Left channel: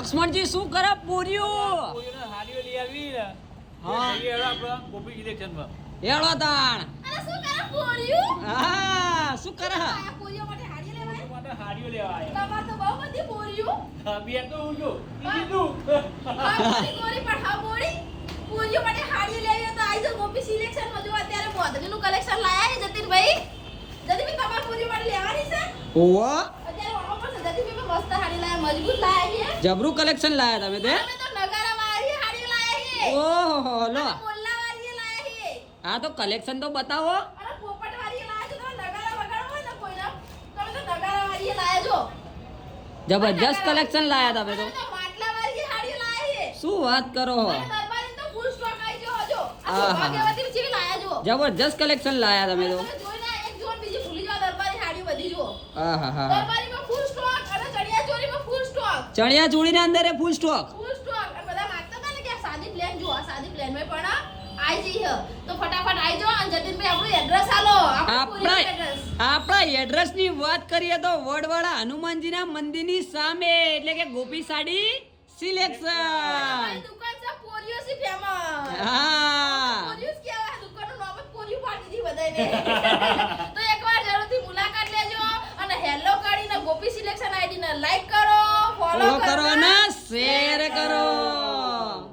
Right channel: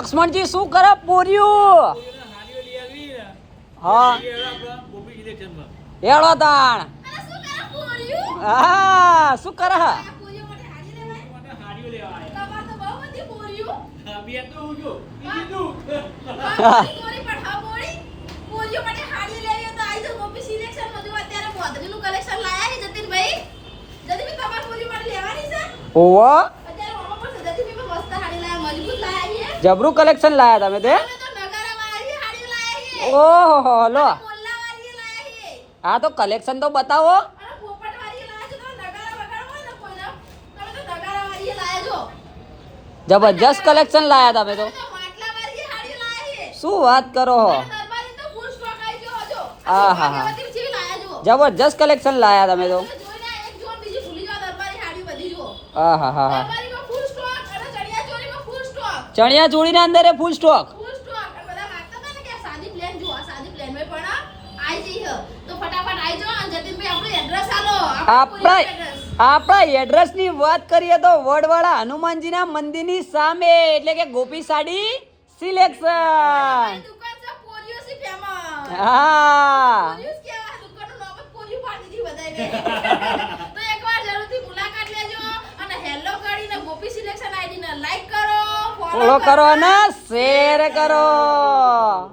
લક્ષ્મણજી શું કરે પોર્યું? હા હેડો તાણ. હા શું કરે? ઓવા જબરું કલેક્શન લાયા તમે તો. ઓહો લો હા તો કલેક્શન તો બતાવો. જબરજસ્ત કલેક્શન લાયા તમે તો. શું વાત કરો? હા હા હા જબરજસ્ત કલેક્શન લાયા તમે તો. હા હા હા હા ચણિયા ચોળી ના અંદર ફૂલ સ્ટોક. આપણા એડ્રેસ ની વાત કરીએ તો વડવાડા હનુમાનજી ના મંદિર ની સામે એટલે કે ગોપી સાડી સિલેક્શન. હા ફોલો કરો અને શેર કરો.